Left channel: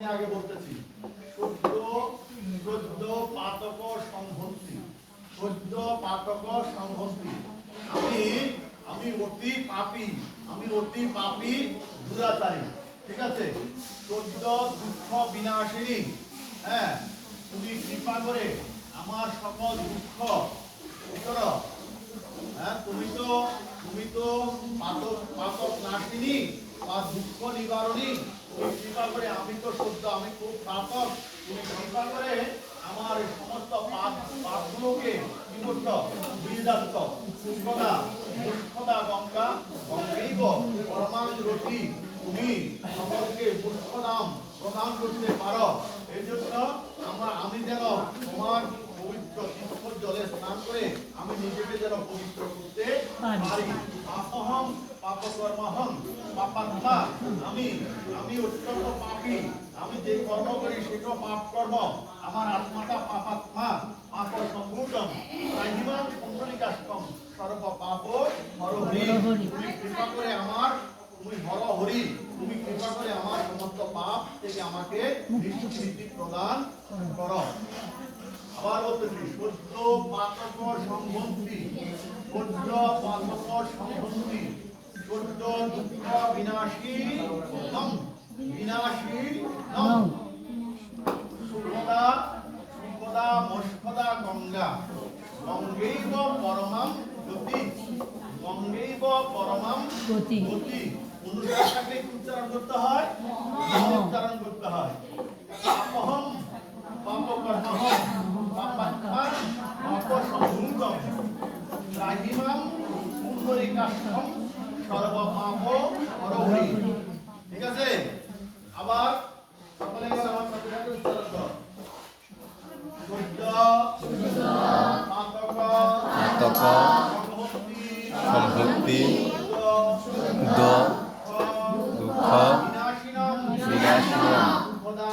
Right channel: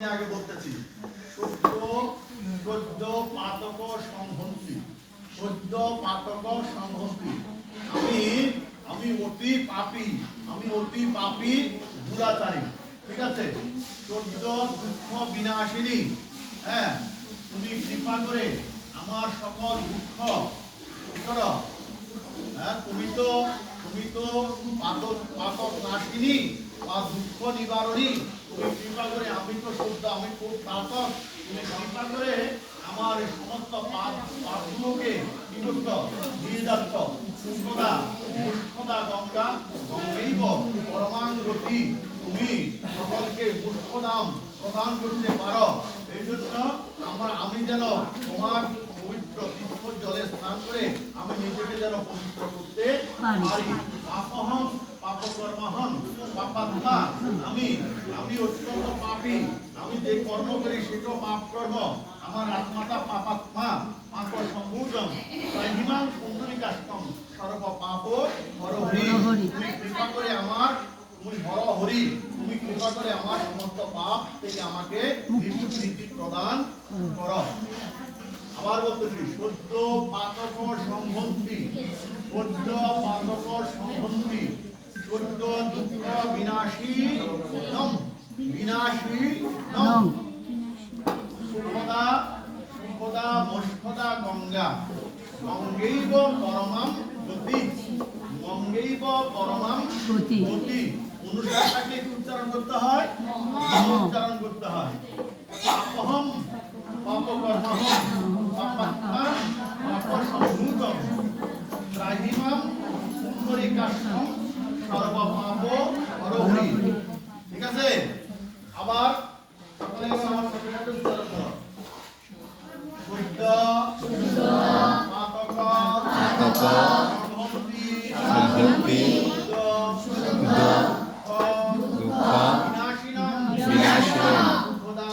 আগে বলতেছি, সদ্য সদ্য পাতক সংহতি সদ্য পাতক সংহতি আমি আমি অতি পাপী, আমি অতি পাপী দুরাচারী ঠিক আছে? সদ্য দুঃখ বিনাশিনী হ্যাঁ? তুমি কৃপা করে আমার সকল দুঃখ হ্যাঁ তুমি তো তুমি তো পাতক পাতক নাশিনী বা দুঃখ নিবারণী। কৃপা করে আমি তো শুদ্ধ আমি খুব পাতক তুমি কৃপা করে আমার সমস্ত পাপ পাপগুলোকে বিমুক্ত বিদাত্ত সুখদা মূর্খদা গঙ্গা গঙ্গৈব পরমাঙ্গতি তুমি সকলকে মূর্খ নাম প্রদান করতে পারো। এই জন্য আমরা আমি যেন তোমার পবিত্র তীর্থ জলে স্নান করে আমি নিজেকে যেন পবিত্র করতে পারি। পাপহম পাপকর্মহম পাপাত্মা আমি আমি অত্যন্ত পাপি। আমি যে কর্ম করি সেটা পাপ কর্ম। আমার আত্মাটা পাপাত্মা পাপ সম্ভূতম তাহিমাম কুণ্ডলিকাষ্টম সর্ব পাপ হরহরি। তুমি কৃপা করে আমার তুমি হর হরি তুমি কৃপা করে আমার সমস্ত পাপ থেকে আমাকে নিষ্কৃতি প্রদান করো। আবার বলতেছি সদ্য পাতক সম্বন্ধী। সদ্য পাতক সম্বন্ধী। সদ্য দুঃখ বিনাশী নম বিনাশী নম। সুখদা সুখদা মস্কদা গঙ্গা। গঙ্গৈব পরমাম গতি গঙ্গৈব পরমাম গতি। গতি অনুসারটাকে উচ্চারণ করতে হয়? সম্ভক্তি শুদ্ধ দুঃখ বিনাশিনম বিনাশিনম খোদা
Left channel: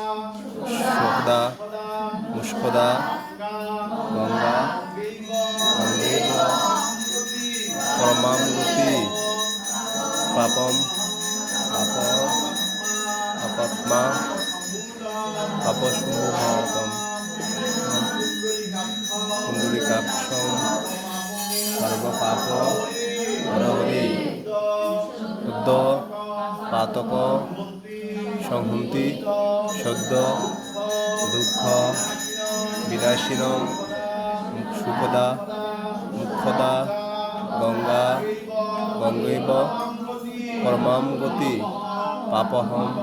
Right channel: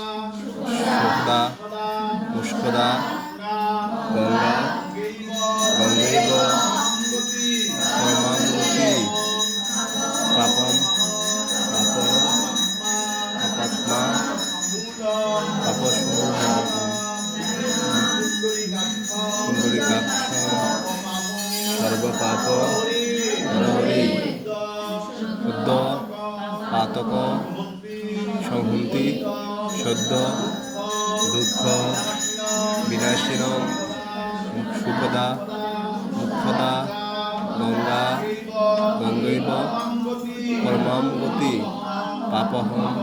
সুখদা খোদা মুষ্কদা গঙ্গা গঙ্গা গঙ্গৈব গঙ্গৈব গতি পাপম পাপসম্ভূতম কুণ্ডলিকাক্ষম সর্বপাপ হরহরি শুদ্ধ পাতক সংহন্তি সদ্য, দুঃখ বিনাশীন সুখদা দুঃখদা গঙ্গা, গঙ্গৈব পরমাম গতি পাপহম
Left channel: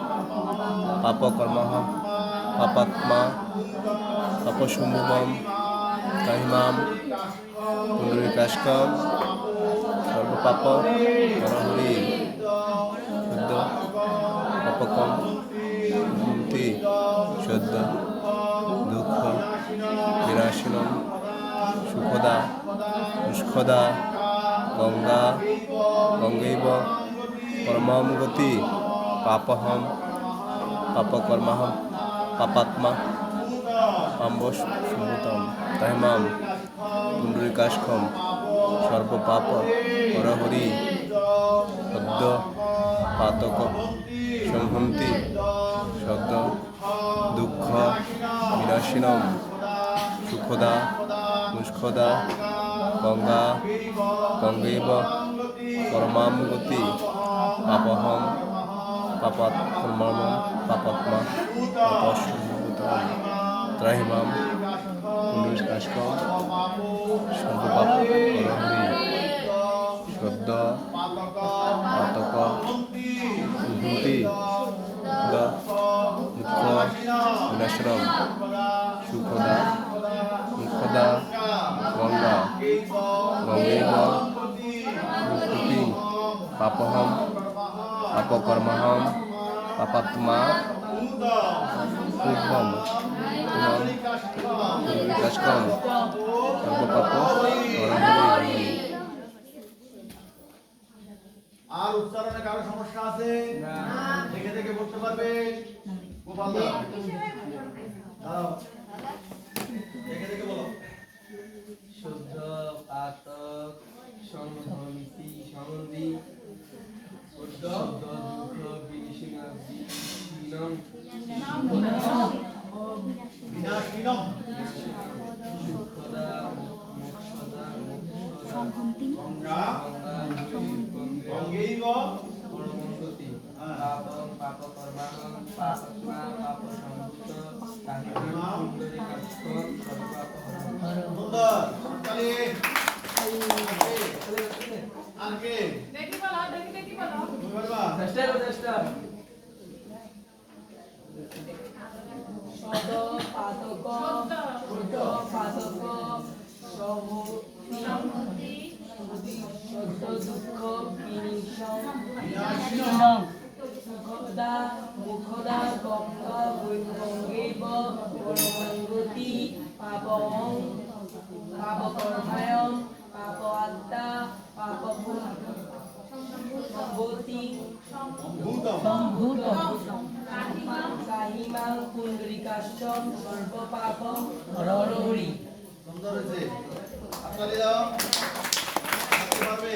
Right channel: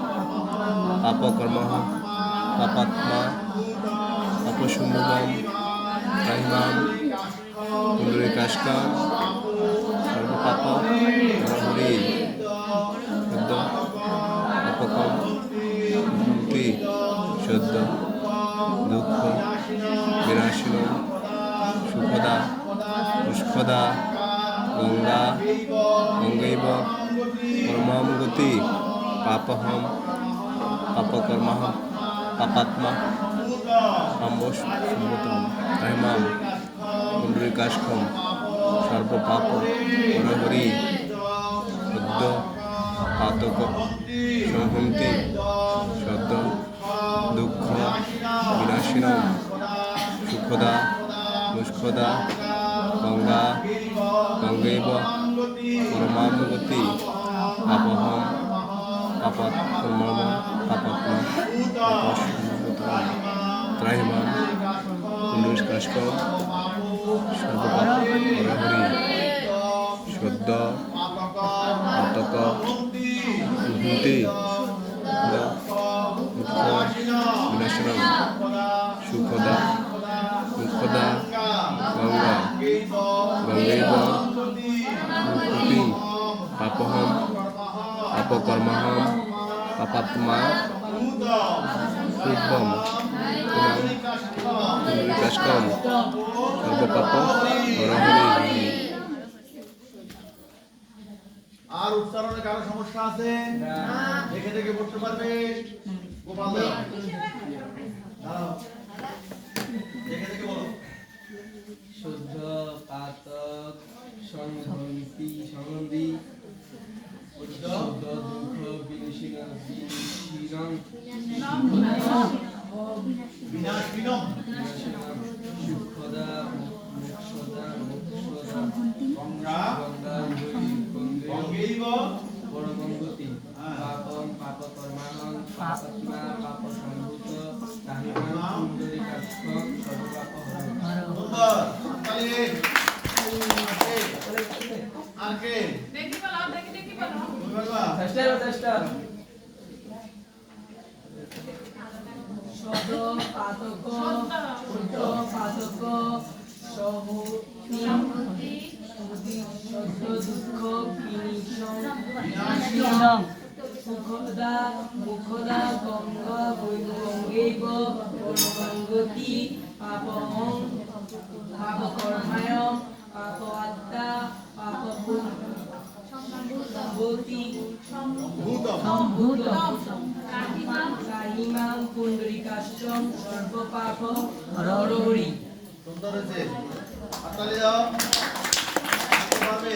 পাপকর্মহ পাপাত্মা পাপশুম্ভম রাহিমাম কুণ্ডলিকাষ্কম হরহরি শুদ্ধ, পাপকম, মুক্তি সদ্য দুঃখ বিনাশিনম সুখদা দুষ্খদা গঙ্গা, গঙ্গৈব পরমাম গতি পাপহম পাপকর্মহম পাপাত্মা আম্বসম্ভূতম তাইমাম কুণ্ডলিকাষ্কম সর্বপাপ হরহরি সদ্য পাতক সম্ভন্তি সদ্য দুঃখ বিনাশিনম সুখদা দুষ্খদা গঙ্গা গঙ্গৈব পরমাম গতি পাপহম পাপাত্মম পাপাত্মা পাপসম্ভূতম ত্রাহিমাম কুণ্ডলিকাষ্কম সর্বপাপ হরহরি সদ্য পাতক দুঃখ বিনাশনম সুখদা দুঃখদা গঙ্গা গঙ্গৈব পাপহম পাপকর্মহম পাপাত্মা শুভম তোমাম কুণ্ডলিকাষ্কম সর্বপাপ হরহরি আর উচ্চারণে কারও সমস্যা আছে দেখে দেখে বলতে পারবে গোপাল দাঁড়াও আর কে দেখি বলো দেখি দেখি বলো। চেষ্টা করো চেষ্টা। সদ পাতক শুদ্ধ পাতক সম্মতি সদ্য দুঃখ বিনিশম মুখদা মুখদা গঙ্গা গঙ্গৈব পরমঙ্গতি পাপহং পাপকর্মায়ং পাপ আত্মা কাহিমাং পুণ্ডরিকাশ্চম সর্বপাপ হরহরি সুন্দর হয়েছে হাততালি দাও এভাবে